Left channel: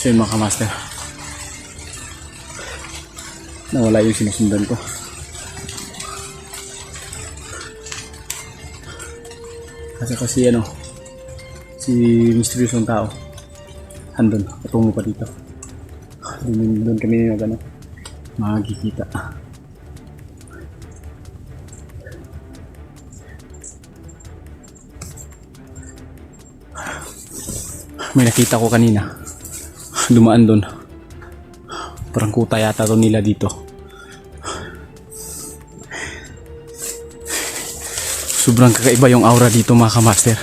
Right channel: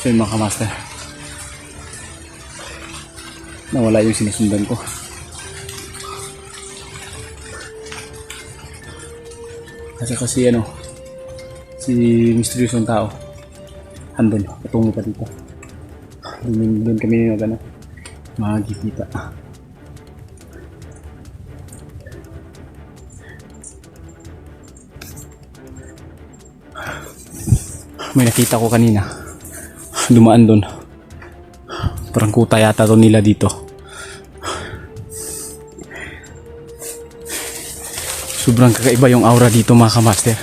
So yun mga kamaster, nawala yung sinusundan ko. Kasi ano, si misteryosong tao andun, patungo pa dito. Doon kami magkikita. May nakita ko kanina, dumaan doon. Parang kuta yata doon nila dito. Sobrang kakaiba yung aura dito mga kamaster.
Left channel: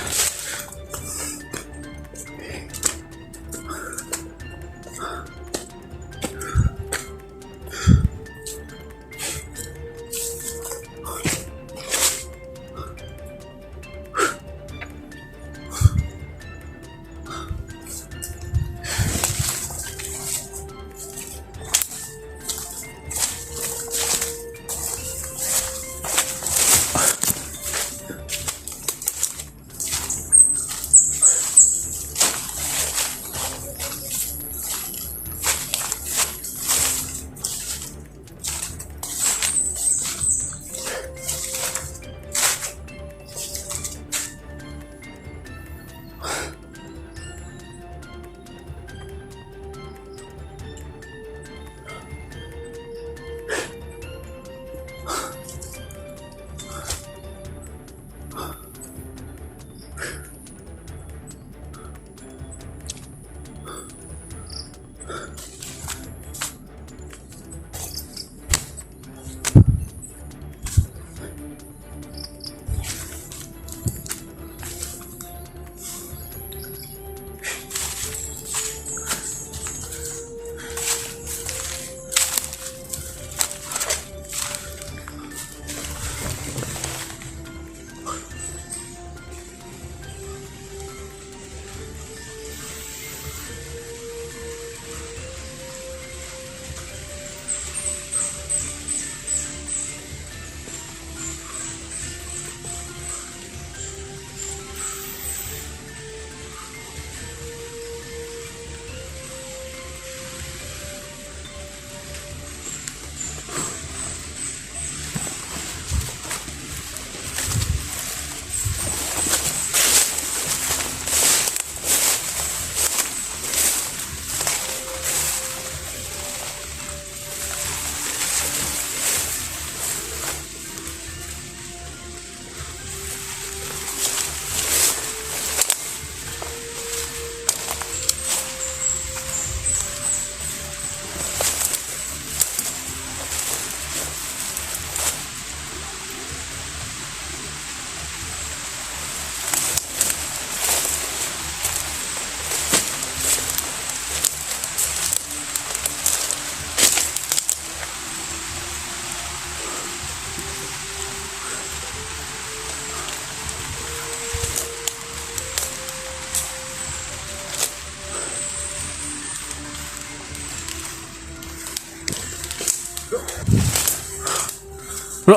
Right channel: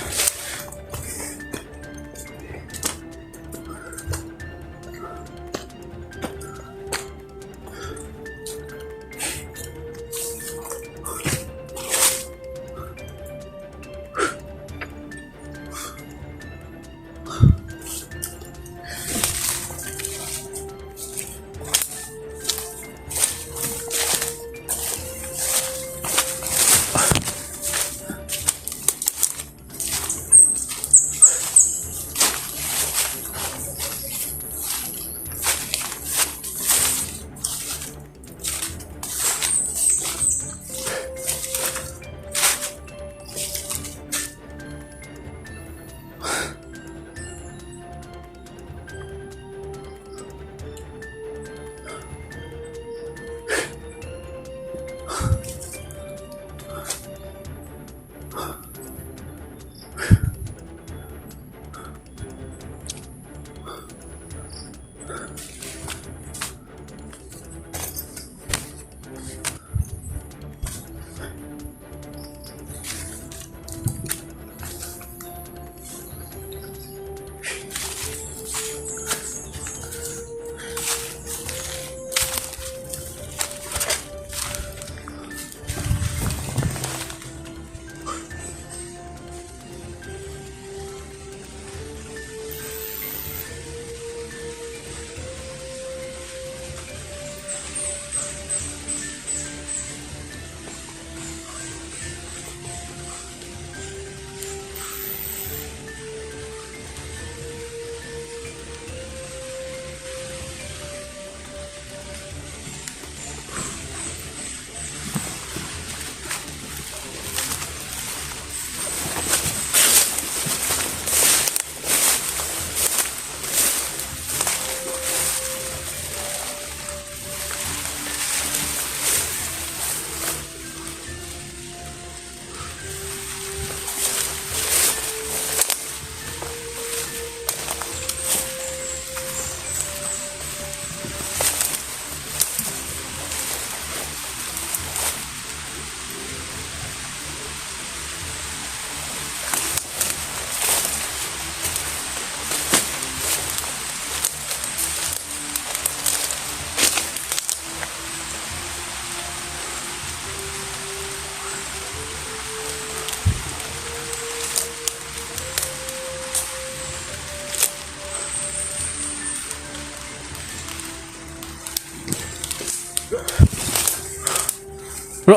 Bro,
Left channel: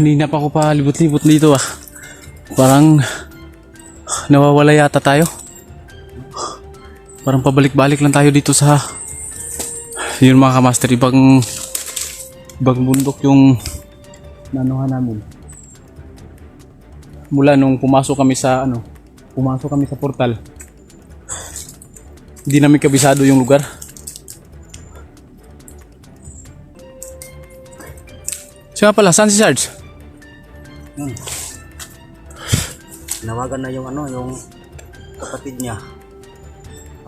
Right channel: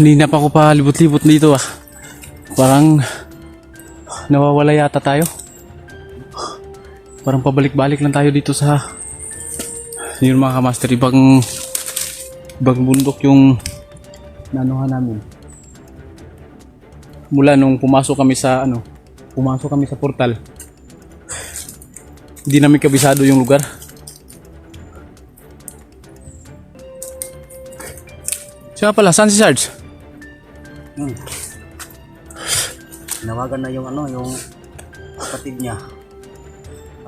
hindi na pa ako pa libot-libot dito ah. Parang nawawala yata tayo. Parang pabalik-balik lang tayo dito sa yun mga kamaster, ibang bundok yung nanuhan namin. Mula nung pumasok kami sa portal, hindi namin kabisado yung lugar. Siya pala, saan si Sarge? Nawagan na yung yung kapatid niya.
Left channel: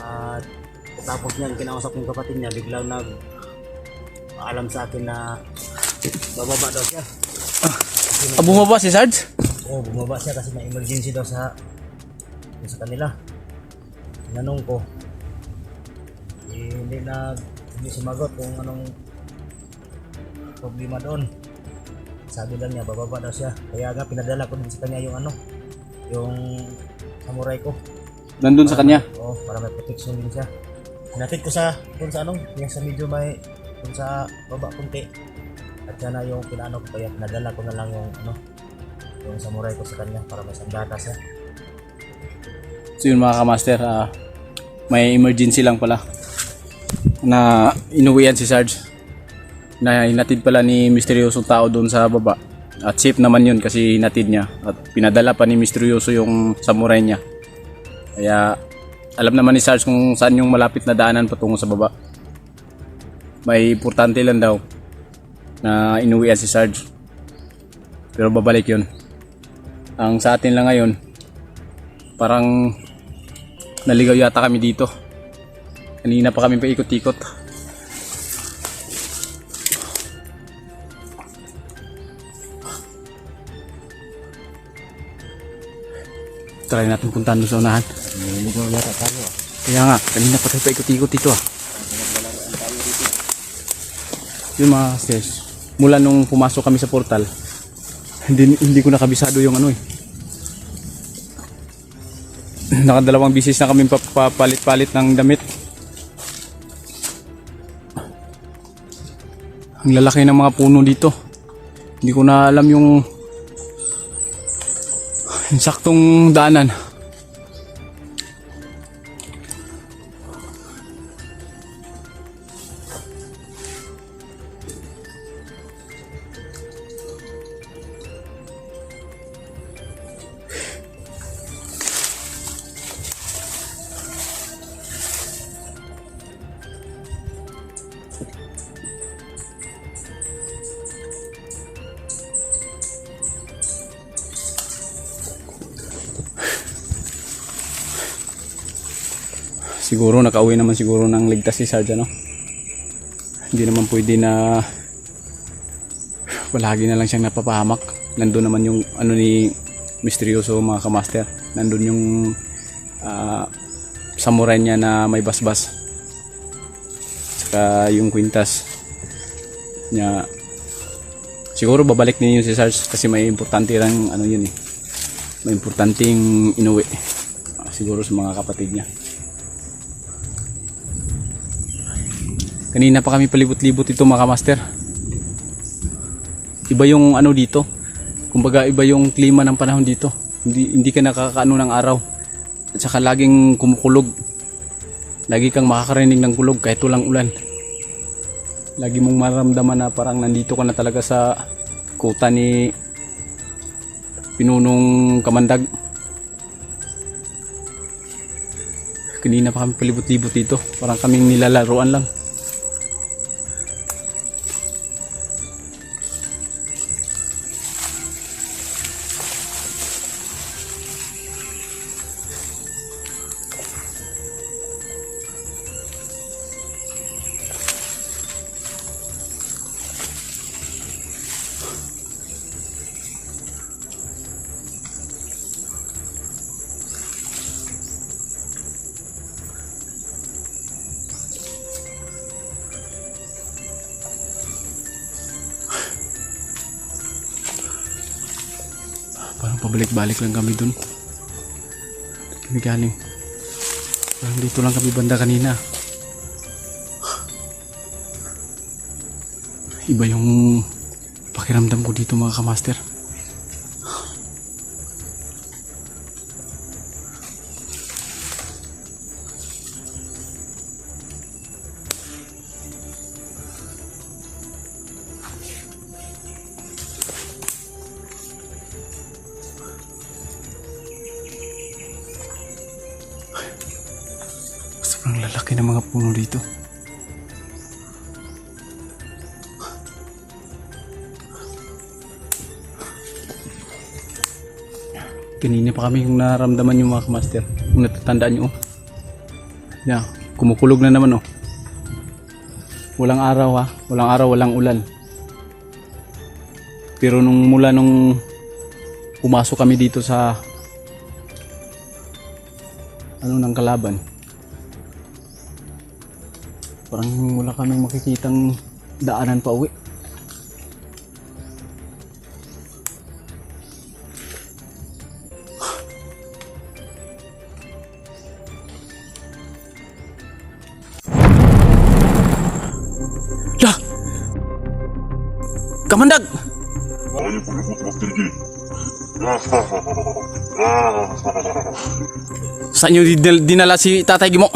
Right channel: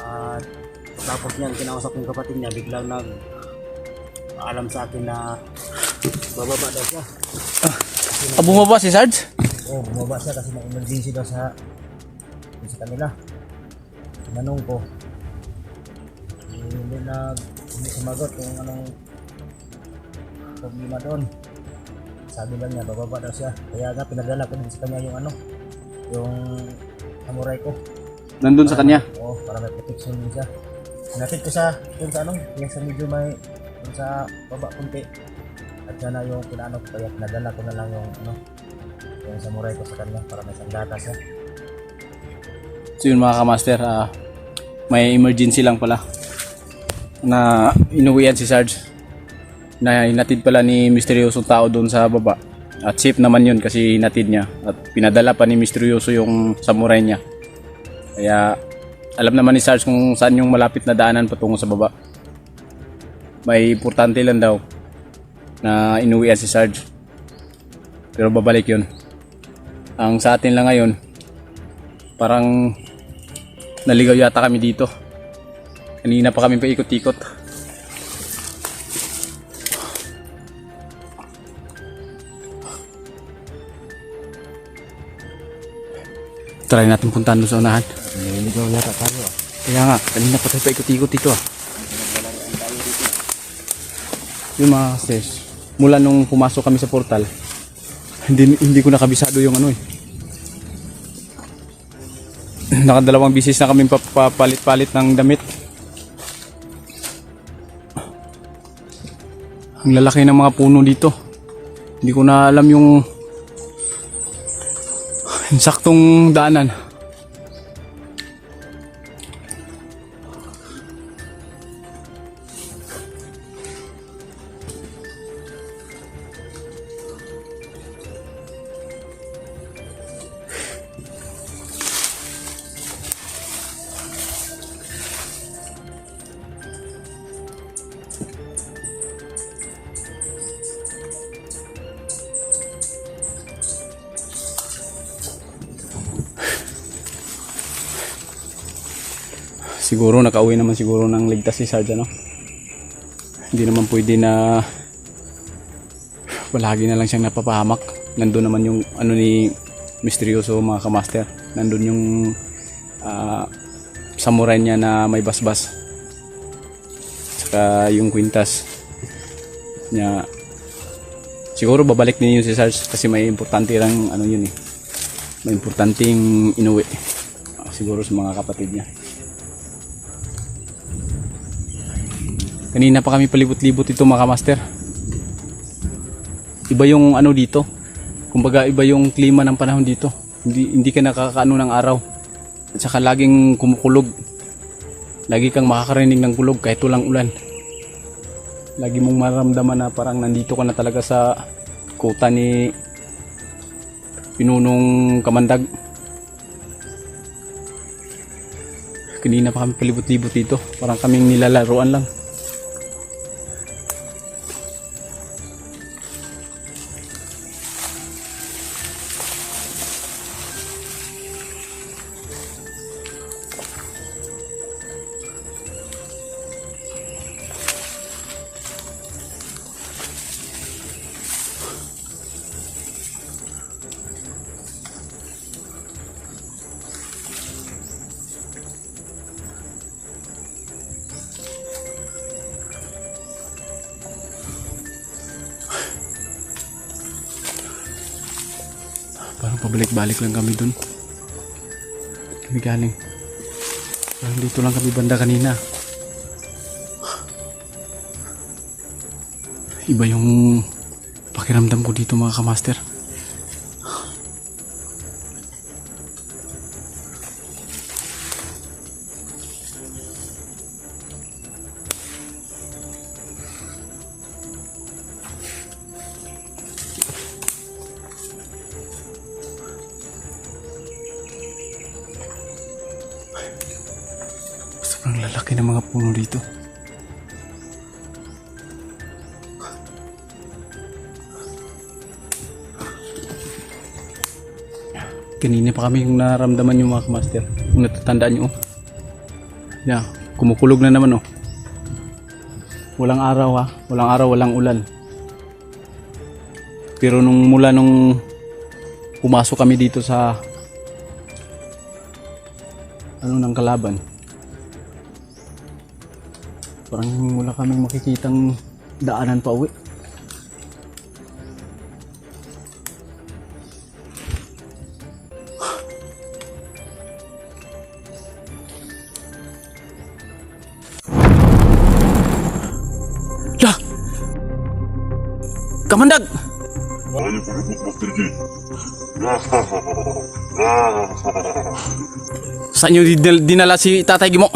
At tapos niyan kinausap yung kapatid niya, biglang alam sa akin na bababa daw siya. Bumaba si Sarge? Oo, bumaba siya kasi may emergency daw sa kanila. Tinanong ko, hindi sumagot kung anong problema doon. Sabi lang niya, bababa daw siya. Kaya nga pinadala ko din sa kanya yung samurai ko. Nandun sa kanya? Oo, para may protection din siya. Hinatid ko yung sa medyo may, yung sa baba kunti. At yan na yung pinaano ko, kaya pinadala ko na lang yung samurai ko sa kanya para may sandata siya. So yun mga kamaster, may emergency lang pala na inuwian si Sarge, na hinatid pala ni misteryosong tao doon sa baba. At safe naman yun kasi hinatid niya at pinadala pa ni misteryoso yung samurai niya. Kaya alam naman ni Sarge kung saan yung malapit na daanan patungo sa baba. May importante lang daw na inuwian si Sarge, pero babalik yun. Ang sa atin lang ngayon, parang naligaw yata kami dito. Kanina pa kami paikot-ikot. Try natin puntahan doon sa unahan. Naligaw yata tayo. Kaya nga, kanina pa tayo paikot-ikot dito Yung mga stairs, mula nung pumasok kami sa portal, hindi ko nakabisado yung nakadalawang bisis na kami papalit-palit ng damit. Ang lalaki ng mga puno dito. Hindi ko na alam yung saktong daanan. Siguro nakauwi naman siguro ng ligtas si Sarge, Hindi naman pwede na palagi na lang siyang napapahamak. Nandun naman yung ni misteryoso mga kamaster. Nandun yung samurai niya na may basbas. Saka yung kwintas niya. Siguro babalik din yun si Sarge kasi may importante lang may importanteng inuwi. Siguro sa mga kapatid niya. Kanina pa kami palibot-libot ito mga kamaster. Iba yung dito. Kumbaga iba yung klima ng panahon dito. Hindi ka nakakaano ng araw. At saka laging kumukulog. Lagi kang makakarinig ng kulog kahit walang ulan. Lagi mong maramdaman na parang nandito ka na talaga sa kuta ni Pinunong Kamandag. Kanina pa kami palibot-libot dito. Parang kaming nilalaruan lang. Parang pabalik-balik lang kami dun. Kami galing. Parang dito lang kami banda kanina. Iba yung pakiramdam ko dito mga kamaster. lalaki ng mga puno dito. Kanina pa kami yung naramdaman yung mga kamaster. Kung natatandaan nyo. Yeah, kumukulog na naman oh. Walang araw ha. Walang araw, walang ulan. Pero mula nung pumasok kami dito sa ng kalaban, parang wala kaming makikitang daanan pa uwi. Lah! Kamandag! Ayaw ko lubot, Master G. Saan nyo dinala si Tatay Gimo?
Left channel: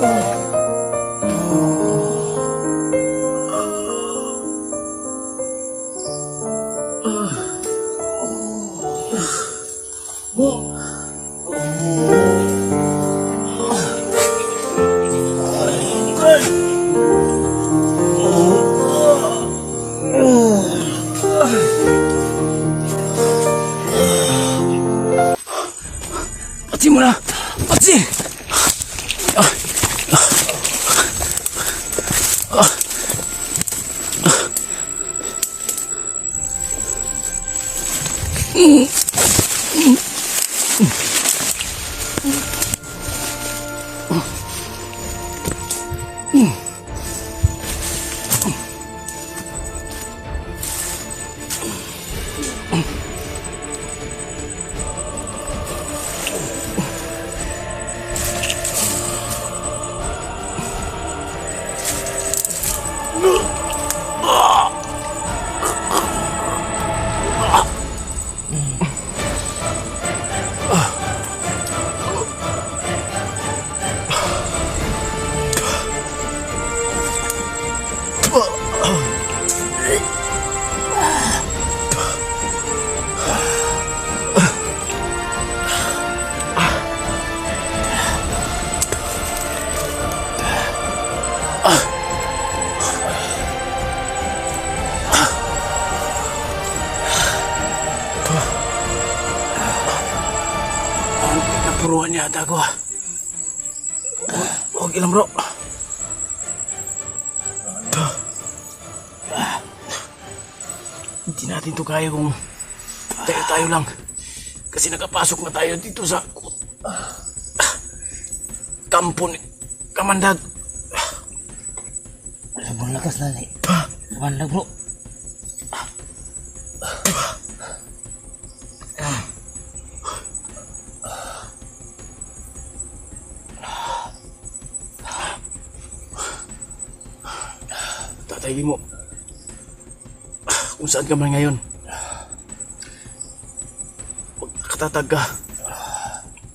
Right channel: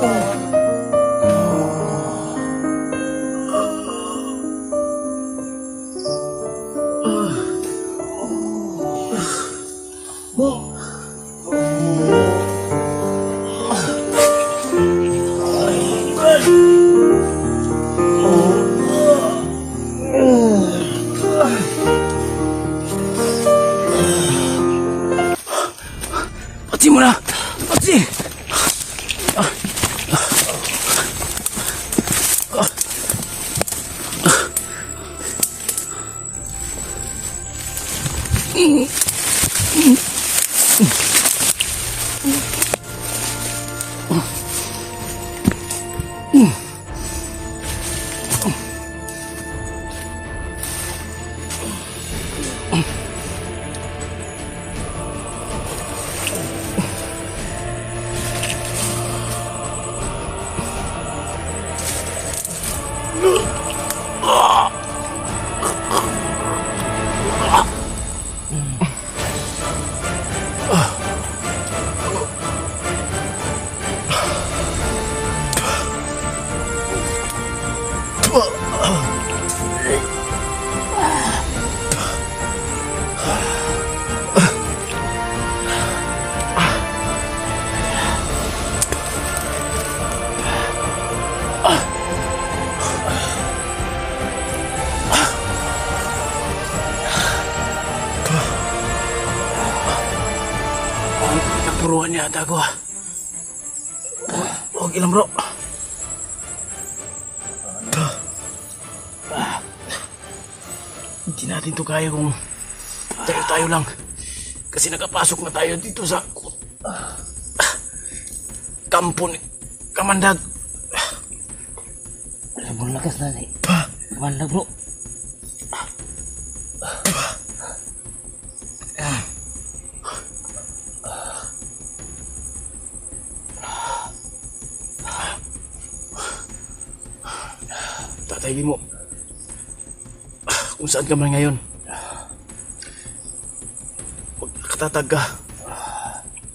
Patsin mo na! Patsin! Napuruan yata ako. Huwag ilang bro. Hindi natin to kaya kung tayo lang. Kasi nakapasok na tayo dito sa kampo ni Kamandag. Sobrang lakas na ni. Kamandag bro. Tatay mo. Kung saan ka man ngayon. Huwag nakatatag ka.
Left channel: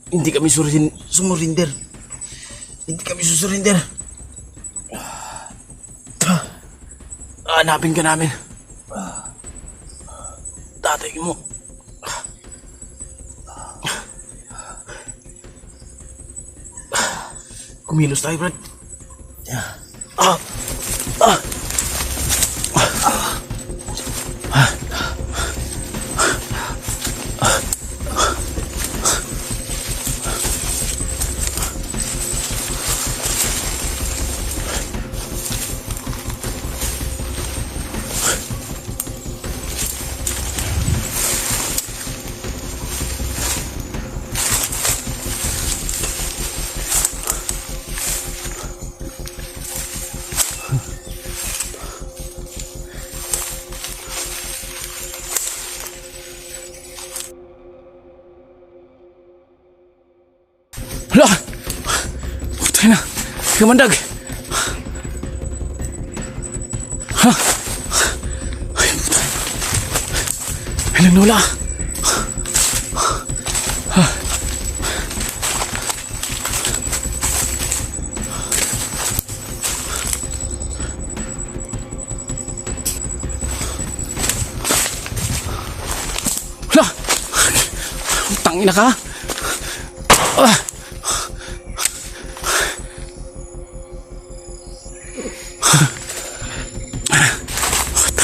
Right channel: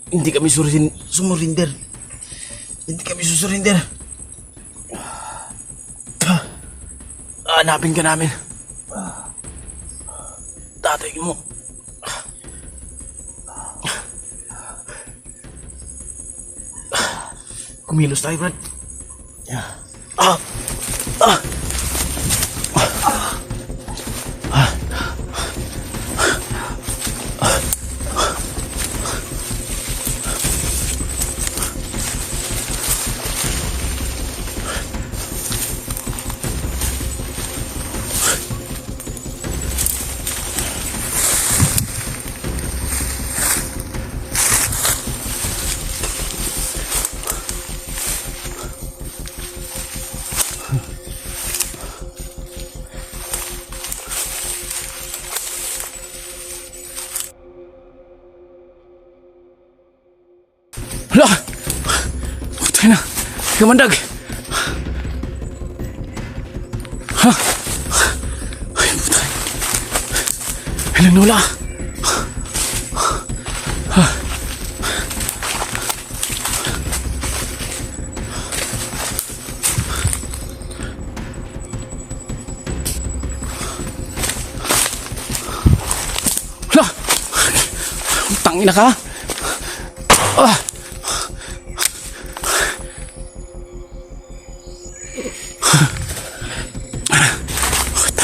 Hindi kami sumurinder. Hindi kami susurinder. Hanapin ka namin. Tatay mo. Kumilos tayo, Brad. Hala! Patay na! Kamandag! Ha? Ay, patay. Ay, nagnola! Hala! Tangina ka!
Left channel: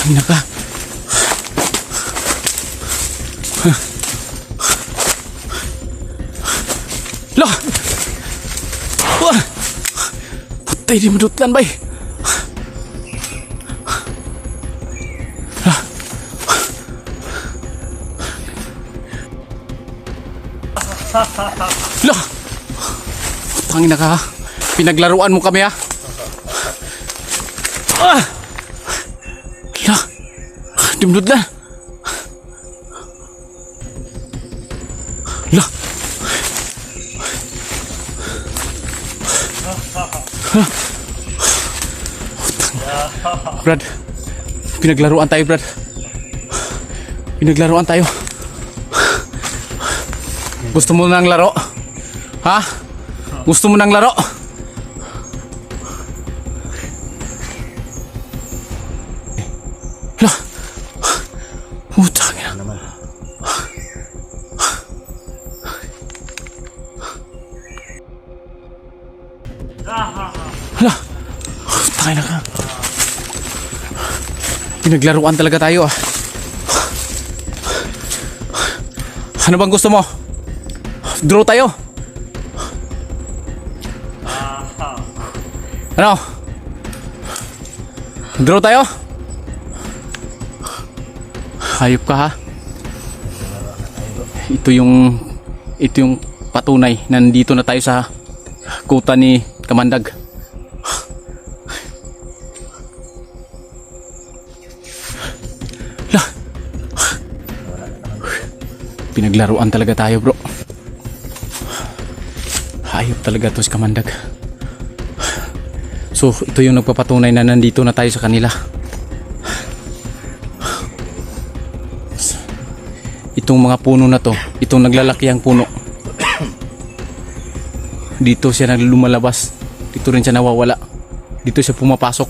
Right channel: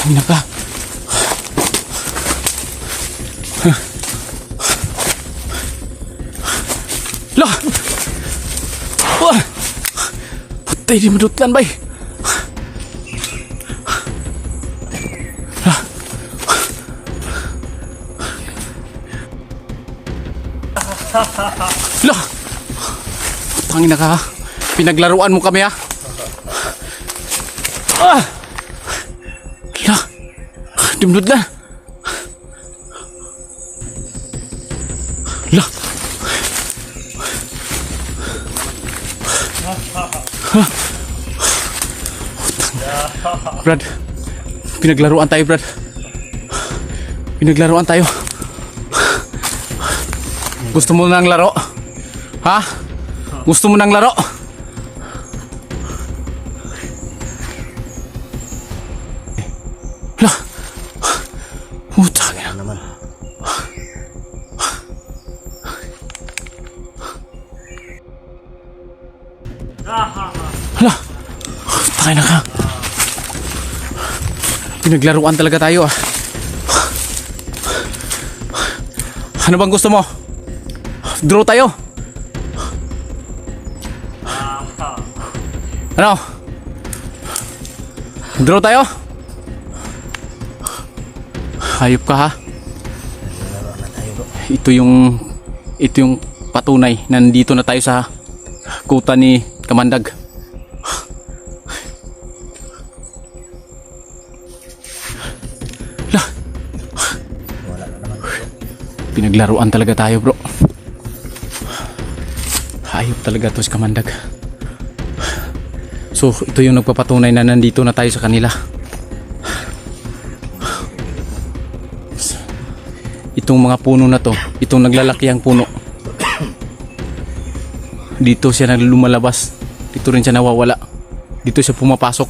Tangina ka. Lah. Wah. Patay di medutlan bay. Lah. Lah. Tangina ka. Pinaglaruan mo kami ha. Lah. Dimdut lah. Lah. Brad. Pinaglaruan tayo, Brad. Pinaglaruan tayo. Gusto mo nang laro? Ha? Gusto mo nang laro? Putang ina. Ano naman? Hala. Tayo na ka. Pinaglaruan talaga tayo ah. Ano bang gusto mo? Draw tayo? Ano? Draw tayo? Hayop ka ha? Ito yung patunay na nandito na tayo sa kuta ni Kamandag. Pinaglaruan talaga tayo bro. Hayop talaga to si Kamandag. So ito yung nagpapatunay na nandito na tayo sa kanila. Itong mga puno na to, itong naglalakihang puno, dito siya lumalabas, dito rin siya nawawala, dito siya pumapasok.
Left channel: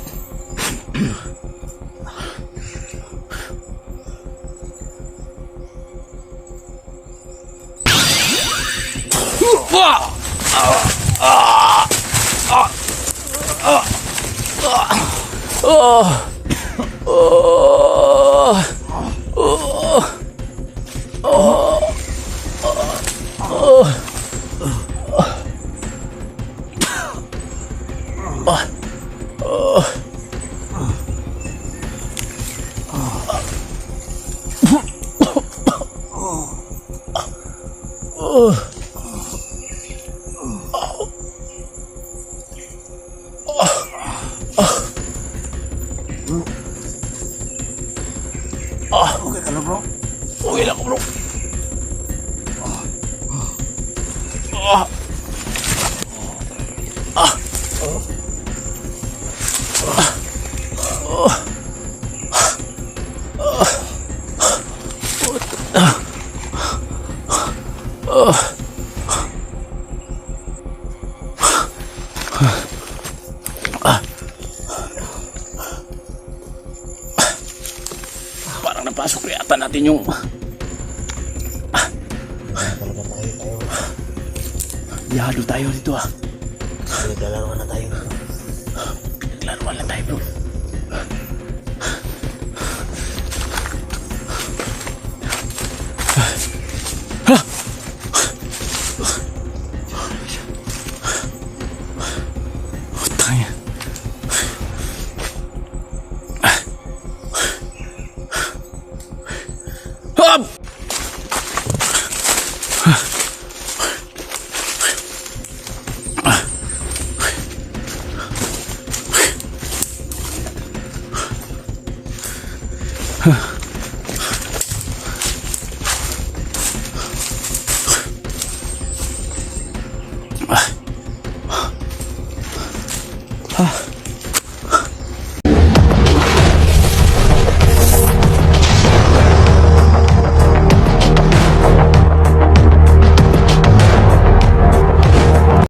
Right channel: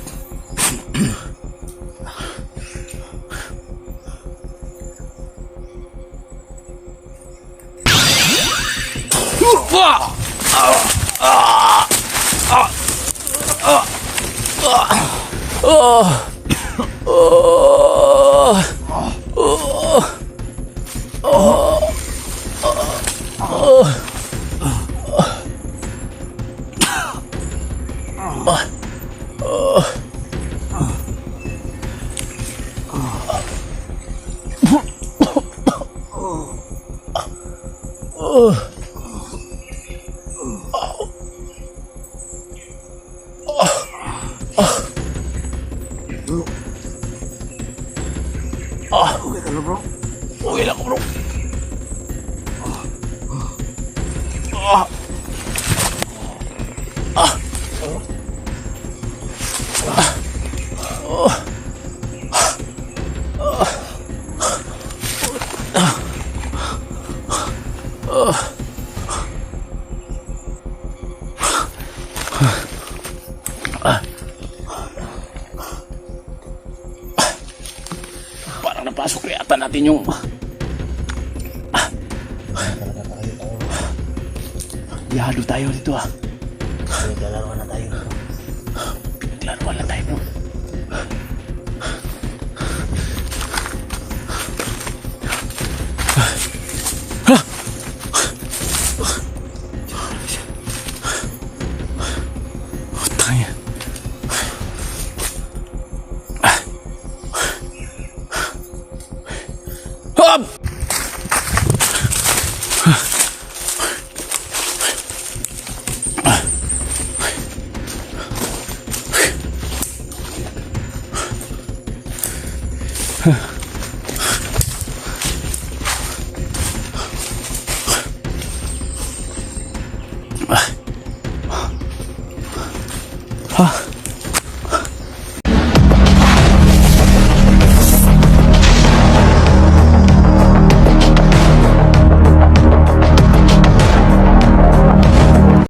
Okay ka na bro? Okay lang bro. Parang napasok yata natin yung yado tayo dito ah. Dalawa na tayo. Pinaglaruan lang tayo bro. Tangina. Hop! Ah.